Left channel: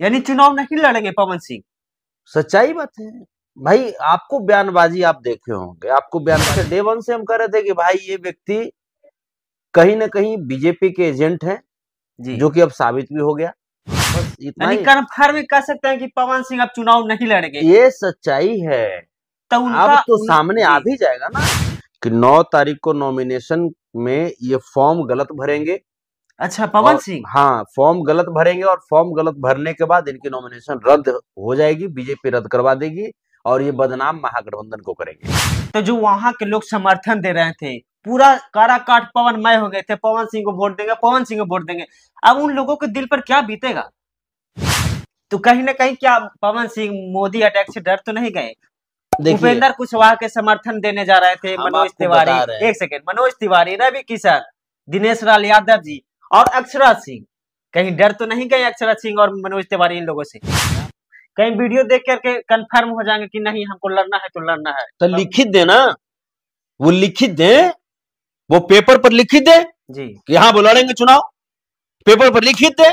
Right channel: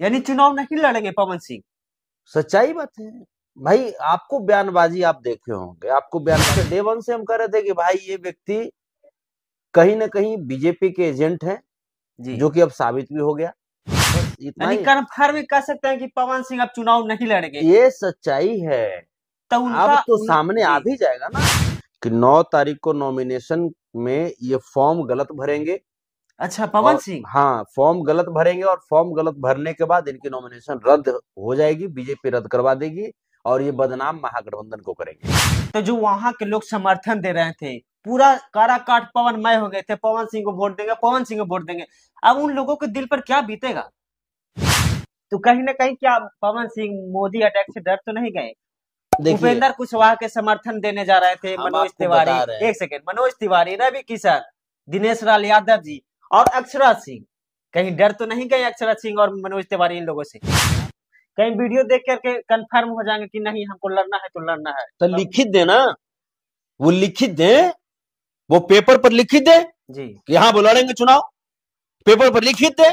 यानी चुनाव नहीं लड़ेंगे पवन सिंह। सच्चाई बात है भाई। आपको बयानबाजी आप देखे होंगे, आपको बयान के डे वन से हम कह रहे थे कि भाई ये व्यक्ति कहीं ना कहीं बीजेपी के एजेंट हैं, जी। जो कि अब साबित भी हो गया। बस इतना यानी ही। कन्फर्म कह सकते हैं कि पवन सिंह अब चुनाव नहीं लड़ेंगे। ये सच्चाई है। तो अब उनका तो सामने आ जी। भी जाएगा ना कि 9 तारीख को नॉमिनेशन में ये फॉर्म गलत भरेंगे। अच्छा, पवन और सिंह। हाँ, फॉर्म गलत भरेंगे और फॉर्म गलत भरने के बाद इनकी नॉमिनेशन रद्द हो जाएगी, बीजेपी रद्द करवा देगी और ये बदनाम महागठबंधन को करेंगे। तो जो वहां के लोग समर्थन दे रहे थे, पूरा काराकाट पवनमय हो गए थे, पवन सिंह को वोट देंगे, पवन सिंह को वोट देंगे। अब उन लोगों के दिल पर क्या बीतेगा? तो कहीं ना कहीं क्या पवन सिंह मोदी अटैक से डर तो नहीं गए? देखिए, उपेंद्र कुशवाहा के समर्थन देने जा रहे थे, हम मनोज आपको तिवारी, बता रहे हैं। एक सेकेंड, मनोज तिवारी, रवि किशन, दिनेश लाल यादव जी और अक्षराज सिंह। कहीं डर तो नहीं गए अक्षराज सिंह और मनोज तिवारी इन लोगों से? कहीं वीडियो देख करके कंफर्म हो जाएंगे कि नहीं हमको लड़ना है तो लड़ना है। तो लिखित दे ना, वो लिखित दे, वो पेपर पर लिखित दे जी। कि हाँ वो लड़ेंगे चुनाव। पेपर पर लिखित दे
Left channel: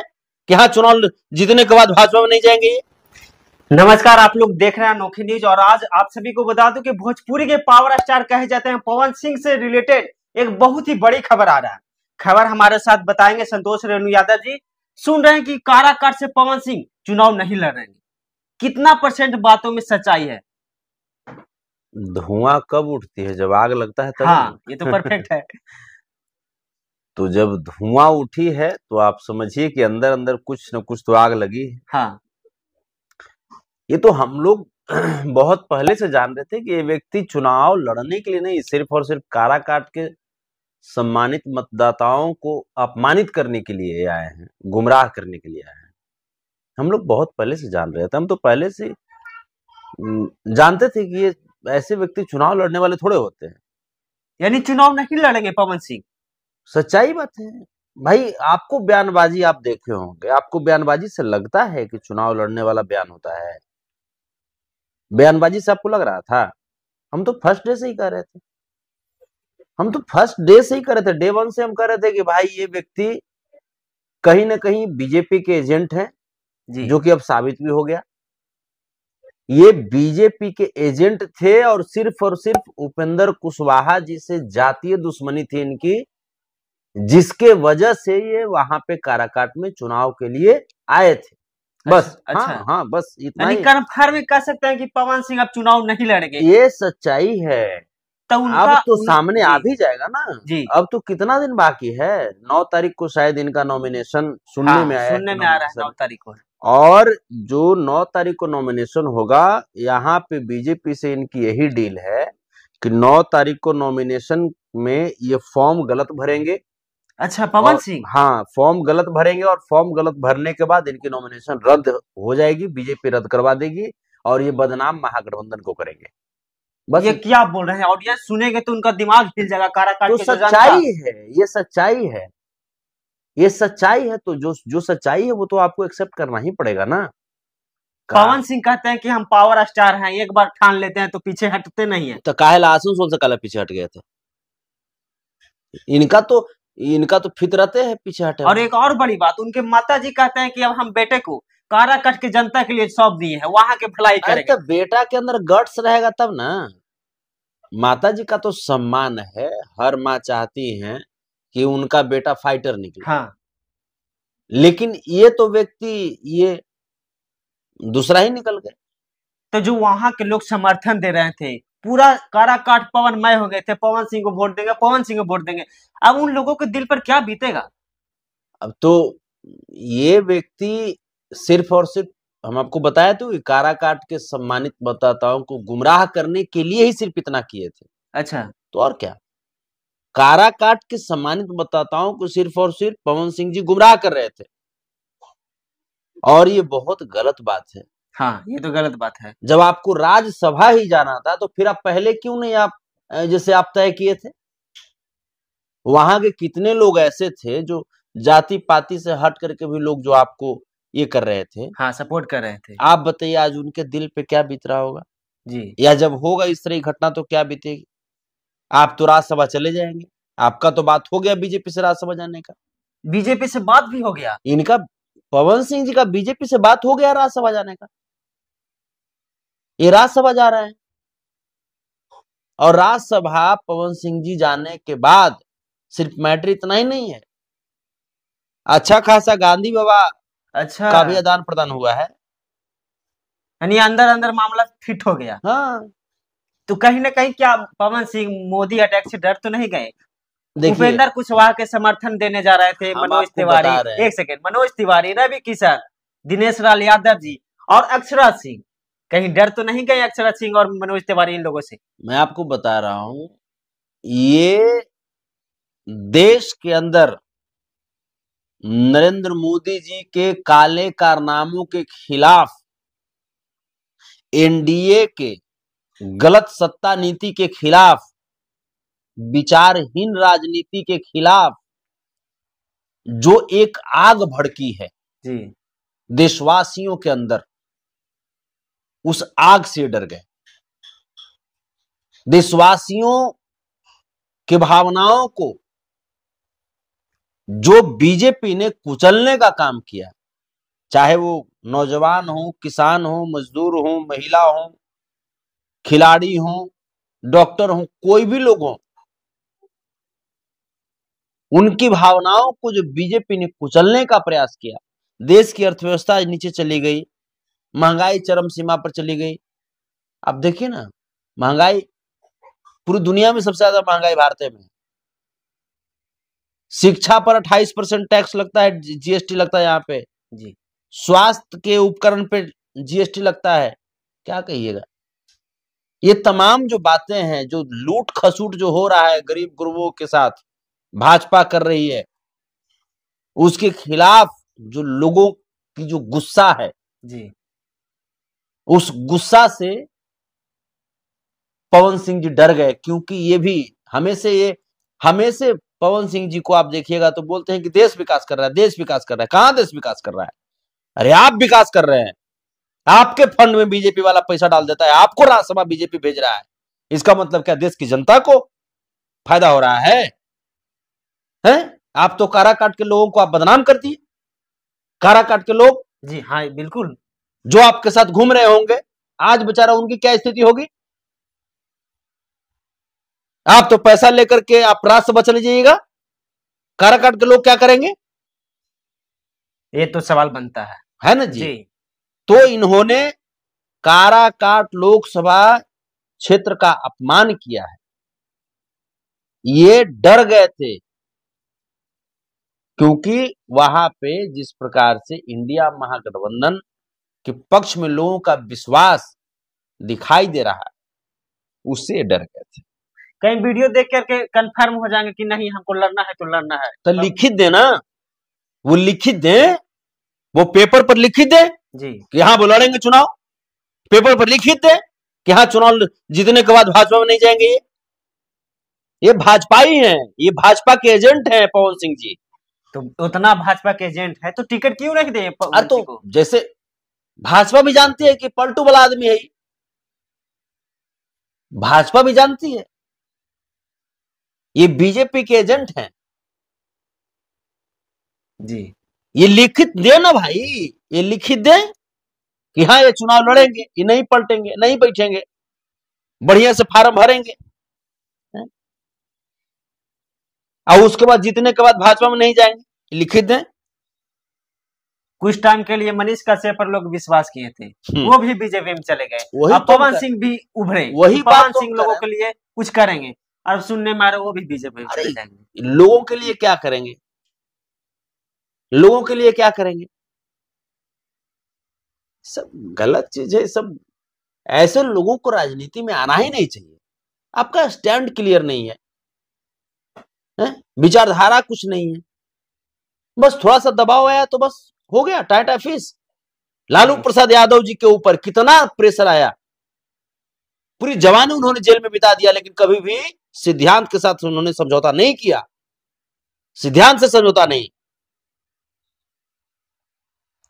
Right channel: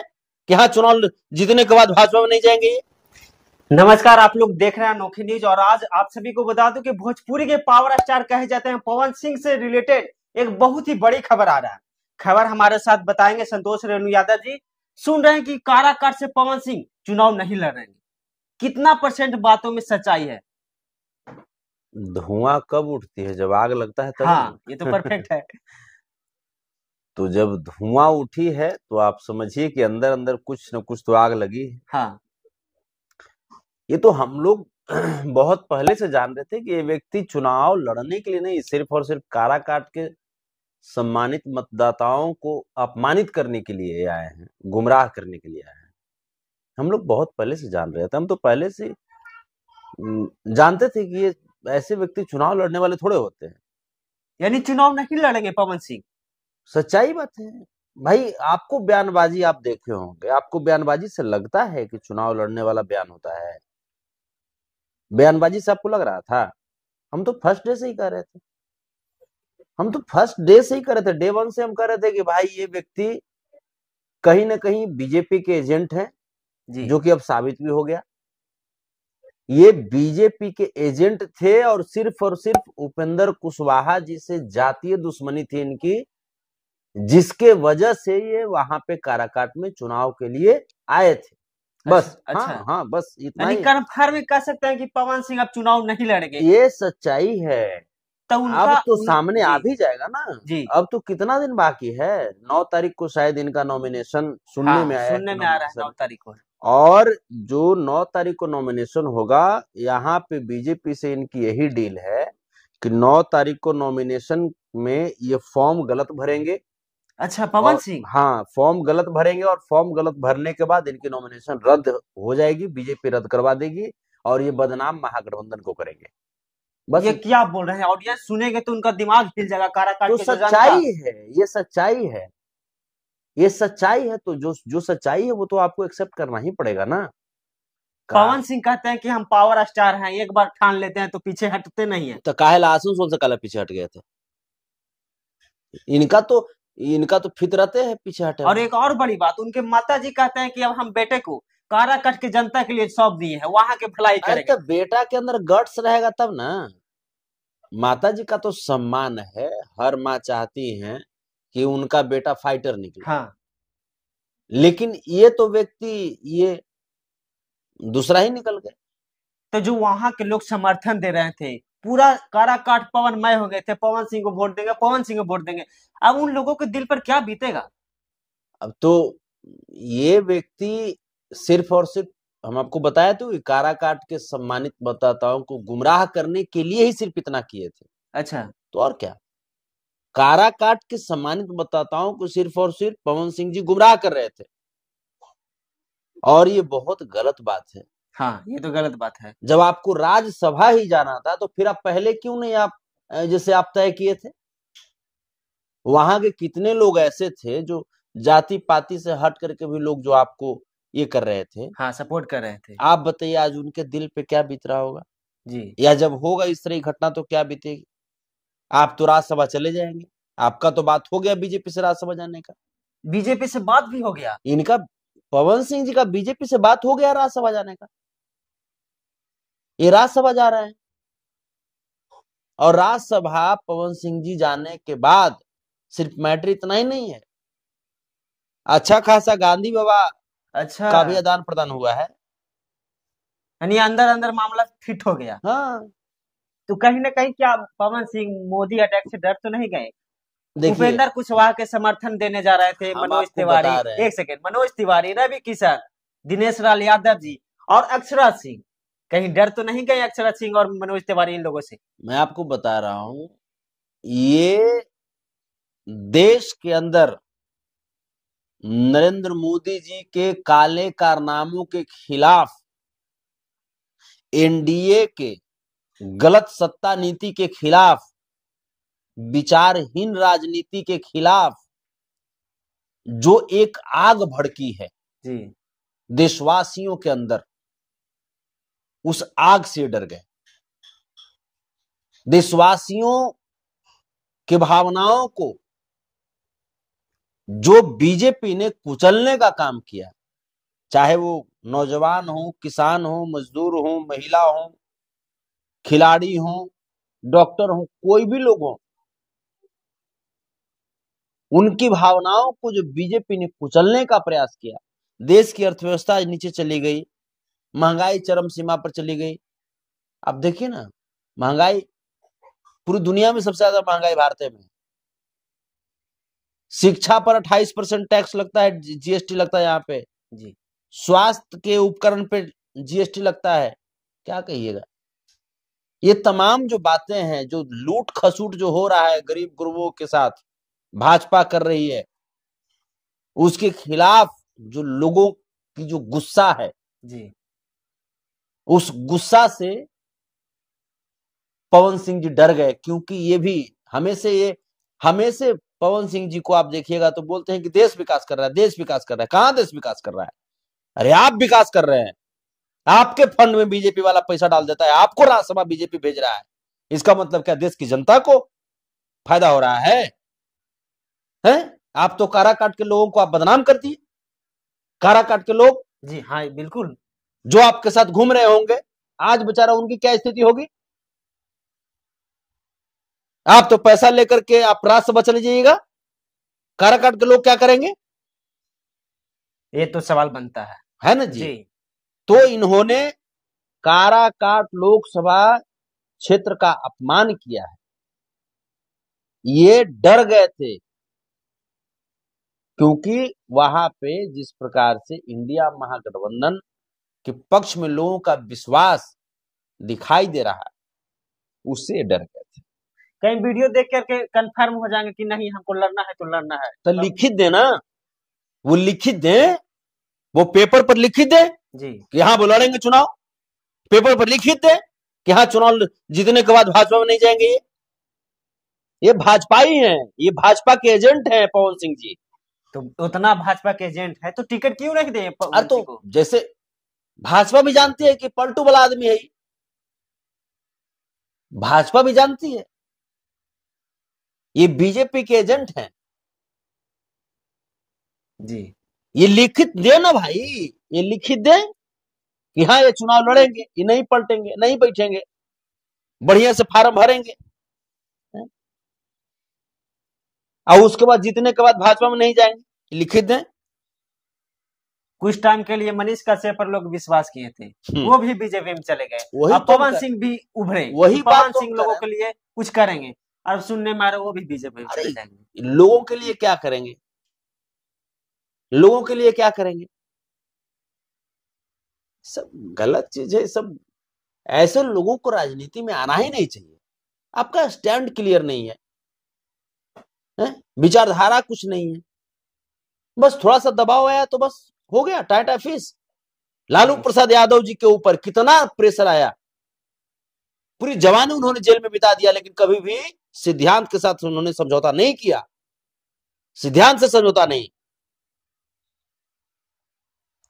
कि हाँ चुनाव जीतने के बाद भाजपा में नहीं जाएंगे ये। नमस्कार, आप लोग देख रहे हैं अनोखी न्यूज और आज आप सभी को बता दूं कि भोजपुरी के पावर स्टार कहे जाते हैं पवन सिंह से रिलेटेड एक बहुत ही बड़ी खबर आ रहा है। खबर हमारे साथ बताएंगे संतोष रेणु यादव जी। सुन रहे हैं कि काराकाट से पवन सिंह चुनाव नहीं लड़ रहे हैं। कितना % बातों में सच्चाई है? धुआं कब उठती है? जब आग लगता है तब। हाँ, ये तो परफेक्ट है। तो जब धुआं उठी है तो आप समझिए कि अंदर अंदर कुछ न कुछ तो आग लगी है। हाँ। ये तो हम लोग बहुत पहले से जान रहे थे कि ये व्यक्ति चुनाव लड़ने के लिए नहीं, सिर्फ और सिर्फ काराकाट के सम्मानित मतदाताओं को अपमानित करने के लिए आए हैं, गुमराह करने के लिए आए हैं। हम लोग बहुत पहले से जान रहे थे। हम तो पहले से जानते थे कि ये ऐसे व्यक्ति चुनाव लड़ने वाले थोड़े होते हैं। यानी चुनाव नहीं लड़ेंगे पवन सिंह। सच्चाई बात है भाई। आपको बयानबाजी आप देखे होंगे, आपको बयानबाजी से लगता है कि चुनाव लड़ने वाला बयान होता है? बयानबाजी से आपको लग रहा था? हम तो फर्स्ट डे से ही कह रहे थे, हम तो फर्स्ट डे से ही कह रहे थे, डे वन से हम कह रहे थे कि भाई ये व्यक्ति कहीं ना कहीं बीजेपी के एजेंट हैं, जो कि अब साबित भी हो गया। ये बीजेपी के एजेंट थे और सिर्फ उपेंद्र कुशवाहा जी से जातीय दुश्मनी थी इनकी, जिसके वजह से ये वहां पे काराकाट में चुनाव के लिए आए थे। बस। अच्छा। हाँ हाँ, बस इतना ही। कन्फर्म कह सकते हैं कि पवन सिंह अब चुनाव नहीं लड़ेंगे। ये सच्चाई है। तो अब तो सामने आ भी जाएगा ना जी। अब तो कितना दिन बाकी है? 9 तारीख को शायद इनका नॉमिनेशन सुनने हाँ, में आया है। सुनने में आ रहा है 9 तारीख को। और जो 9 तारीख को नॉमिनेशन होगा, यहाँ पे बीजेपी से इनकी यही डील है कि 9 तारीख को नॉमिनेशन में ये फॉर्म गलत भरेंगे। अच्छा, पवन सिंह। हाँ, फॉर्म गलत भरेंगे और फॉर्म गलत भरने के बाद इनकी नॉमिनेशन रद्द हो जाएगी, बीजेपी रद्द करवा देगी और ये बदनाम महागठबंधन को करेंगे। बस। ये क्या बोल रहे हैं? ऑडियंस सुनेंगे तो उनका दिमाग हिल जाएगा। काराकाट तो के सच्चाई है, ये सच्चाई है, ये सच्चाई है। तो जो सच्चाई है वो तो आपको एक्सेप्ट करना ही पड़ेगा ना। पवन सिंह कहते हैं कि हम पावर स्टार हैं, एक बार ठान लेते हैं तो पीछे हटते नहीं है। तो काहे आसनसोल से काला पीछे हट गए थे? इनका तो फितरत है पीछे हटे। और एक और बड़ी बात, उनके माता जी कहते हैं कि अब हम बेटे को काराकाट की जनता के लिए सौंप दिए हैं, वहां के भलाई करेंगे। तो बेटा के अंदर गट्स रहेगा तब ना। माता जी का तो सम्मान है, हर माँ चाहती है कि उनका बेटा फाइटर निकले। हाँ। लेकिन ये तो व्यक्ति ये दूसरा ही निकल गए। तो जो वहां के लोग समर्थन दे रहे थे, पूरा काराकाट पवनमय हो गए थे, पवन सिंह को वोट देंगे, पवन सिंह को वोट देंगे। अब उन लोगों के दिल पर क्या बीतेगा? अब तो ये व्यक्ति सिर्फ और सिर्फ, हम आपको बताया तो, काराकाट के सम्मानित मतदाताओं को गुमराह करने के लिए ही सिर्फ इतना किए थे। अच्छा। तो और क्या? काराकाट के सम्मानित मतदाताओं को सिर्फ और सिर्फ पवन सिंह जी गुमराह कर रहे थे और ये बहुत गलत बात है। हाँ, ये तो गलत बात है। जब आपको राज्यसभा ही जाना था तो फिर आप पहले क्यों नहीं आप जैसे आप तय किए थे? वहां के कितने लोग ऐसे थे जो जाति पाति से हट करके भी लोग जो आपको ये कर रहे थे, हाँ, सपोर्ट कर रहे थे। आप बताइए आज उनके दिल पे क्या बीत रहा होगा जी। या जब होगा इस तरह की घटना तो क्या बीतेगी? आप तो राज्यसभा चले जाएंगे, आपका तो बात हो गया बीजेपी से राज्यसभा जाने का। बीजेपी से बात भी हो गया। इनका पवन सिंह जी का बीजेपी से बात हो गया राज्यसभा जाने का, ये राज्यसभा जा रहे हैं। और राज्यसभा पवन सिंह जी जाने के बाद सिर्फ मैटर इतना ही नहीं है, अच्छा खासा गांधी बाबा अच्छा, का भी आदान प्रदान हुआ है। यानी अंदर अंदर मामला फिट हो गया। हाँ तो कहीं ना कहीं क्या पवन सिंह मोदी अटैक से डर तो नहीं गए? देखिए, उपेंद्र कुशवाहा के समर्थन देने जा रहे थे, हम मनोज आपको तिवारी, बता रहे हैं। एक सेकेंड, मनोज तिवारी, रवि किशन, दिनेश लाल यादव जी और अक्षराज सिंह, कहीं डर तो नहीं गए अक्षराज सिंह और मनोज तिवारी इन लोगों से? मैं आपको बता रहा हूं, ये देश के अंदर नरेंद्र मोदी जी के काले कारनामों के खिलाफ, एनडीए के गलत सत्ता नीति के खिलाफ, विचारहीन राजनीति के खिलाफ जो एक आग भड़की है जी, देशवासियों के अंदर, उस आग से डर गए। देशवासियों की भावनाओं को जो बीजेपी ने कुचलने का काम किया, चाहे वो नौजवान हो, किसान हो, मजदूर हो, महिला हो, खिलाड़ी हो, डॉक्टर हो, कोई भी लोग हो, उनकी भावनाओं को जो बीजेपी ने कुचलने का प्रयास किया, देश की अर्थव्यवस्था नीचे चली गई, महंगाई चरम सीमा पर चली गई। अब देखिए ना, महंगाई पूरी दुनिया में सबसे ज्यादा महंगाई भारत में है। शिक्षा पर 28% टैक्स लगता है, जीएसटी लगता है यहाँ पे जी, स्वास्थ्य के उपकरण पे जीएसटी लगता है। क्या कहिएगा, ये तमाम जो बातें हैं, जो लूट खसूट जो हो रहा है गरीब गुरुओं के साथ भाजपा कर रही है, उसके खिलाफ जो लोगों की जो गुस्सा है जी, उस गुस्सा से पवन सिंह जी डर गए। क्योंकि ये भी हमें से पवन सिंह जी को आप देखिएगा तो बोलते हैं कि देश विकास कर रहा है, देश विकास कर रहा है। कहां देश विकास कर रहा है? अरे आप विकास कर रहे हैं, आपके फंड में बीजेपी वाला पैसा डाल देता है, आपको राज्यसभा बीजेपी भेज रहा है। इसका मतलब क्या देश की जनता को फायदा हो रहा है? आप तो कारा काट के लोगों को आप बदनाम कर दिए। कारा काट के लोग जी, हाँ बिल्कुल, जो आपके साथ घूम रहे होंगे, आज बेचारा उनकी क्या स्थिति होगी? आप तो पैसा लेकर के आप राज्यसभा चले जाइएगा, कारा काट के लोग क्या करेंगे? ये तो सवाल बनता है ना जी? जी, तो इन्होंने काराकाट लोकसभा क्षेत्र का अपमान किया है। ये डर गए थे क्योंकि वहां पे जिस प्रकार से इंडिया महागठबंधन के पक्ष में लोगों का विश्वास दिखाई दे रहा है, उससे डर गए थे। कहीं वीडियो देख करके कंफर्म हो जाएंगे कि नहीं हमको लड़ना है तो लड़ना है। तो लिखित देना, वो लिखित दे, वो पेपर पर लिखित दे जी, कि हाँ वो लड़ेंगे चुनाव, पेपर पर लिखित दे कि हाँ चुनाव जीतने के बाद भाजपा में नहीं जाएंगे। ये भाजपा ही है, ये भाजपा के एजेंट हैं पवन सिंह जी। तो उतना भाजपा के एजेंट है तो टिकट क्यों नहीं दे पवन सिंह को? जैसे भाजपा भी जानती है कि पलटू वाला आदमी है, भाजपा भी जानती है ये बीजेपी के एजेंट हैं जी, ये लिखित दे ना भाई, ये लिखित दे कि हाँ ये चुनाव लड़ेंगे, ये नहीं पलटेंगे, नहीं बैठेंगे, बढ़िया से फार्म भरेंगे, और उसके बाद जीतने के बाद भाजपा में नहीं जाएंगे, लिखित दें। कुछ टाइम के लिए मनीष कश्यप पर लोग विश्वास किए थे, वो भी बीजेपी में चले गए। अब पवन सिंह भी उभरे, वही पवन सिंह लोगों के लिए कुछ करेंगे, और सुनने में आ रहा वो भी बीजेपी में चले जाएंगे। लोगों के लिए क्या करेंगे? लोगों के लिए क्या करेंगे? सब गलत चीज है। सब ऐसे लोगों को राजनीति में आना ही नहीं चाहिए। आपका स्टैंड क्लियर नहीं है, विचारधारा कुछ नहीं है, बस थोड़ा सा दबाव आया तो बस हो गया टाटा फिश। लालू प्रसाद यादव जी के ऊपर कितना प्रेशर आया, पूरी जवानी उन्होंने जेल में बिता दिया, लेकिन कभी भी सिद्धांत के साथ उन्होंने समझौता नहीं किया, सिद्धांत से समझौता नहीं।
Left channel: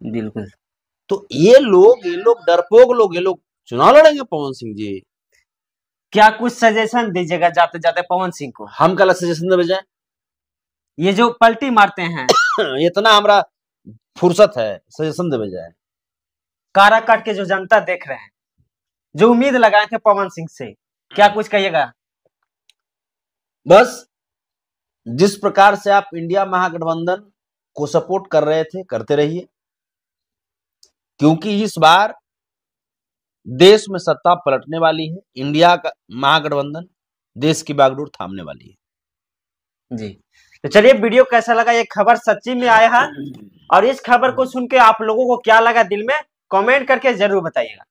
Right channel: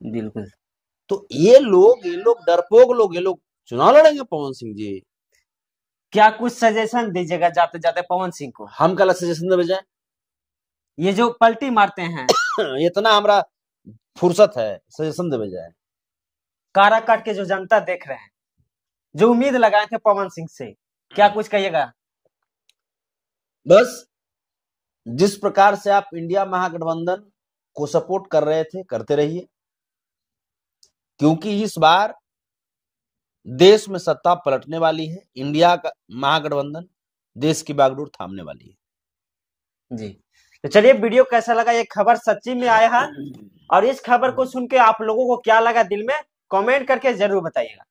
बिल्कुल। तो ये लोग डरपोक लोग, ये लोग चुनाव लड़ेंगे पवन सिंह जी। क्या कुछ सजेशन दीजिएगा जाते जाते पवन सिंह को? हम कल सजेशन दे जाए, ये जो पलटी मारते हैं इतना हमरा फुर्सत है सजेशन दे बजाय। काराकाट के जो जनता देख रहे हैं, जो उम्मीद लगाए थे पवन सिंह से, क्या कुछ कहिएगा? बस जिस प्रकार से आप इंडिया महागठबंधन को सपोर्ट कर रहे थे करते रहिए, क्योंकि इस बार देश में सत्ता पलटने वाली है। इंडिया का महागठबंधन देश की बागडोर थामने वाली है। जी, तो चलिए, वीडियो कैसा लगा? ये खबर सच्ची में आया है, और इस खबर को सुन के आप लोगों को क्या लगा दिल में, कमेंट करके जरूर बताइएगा।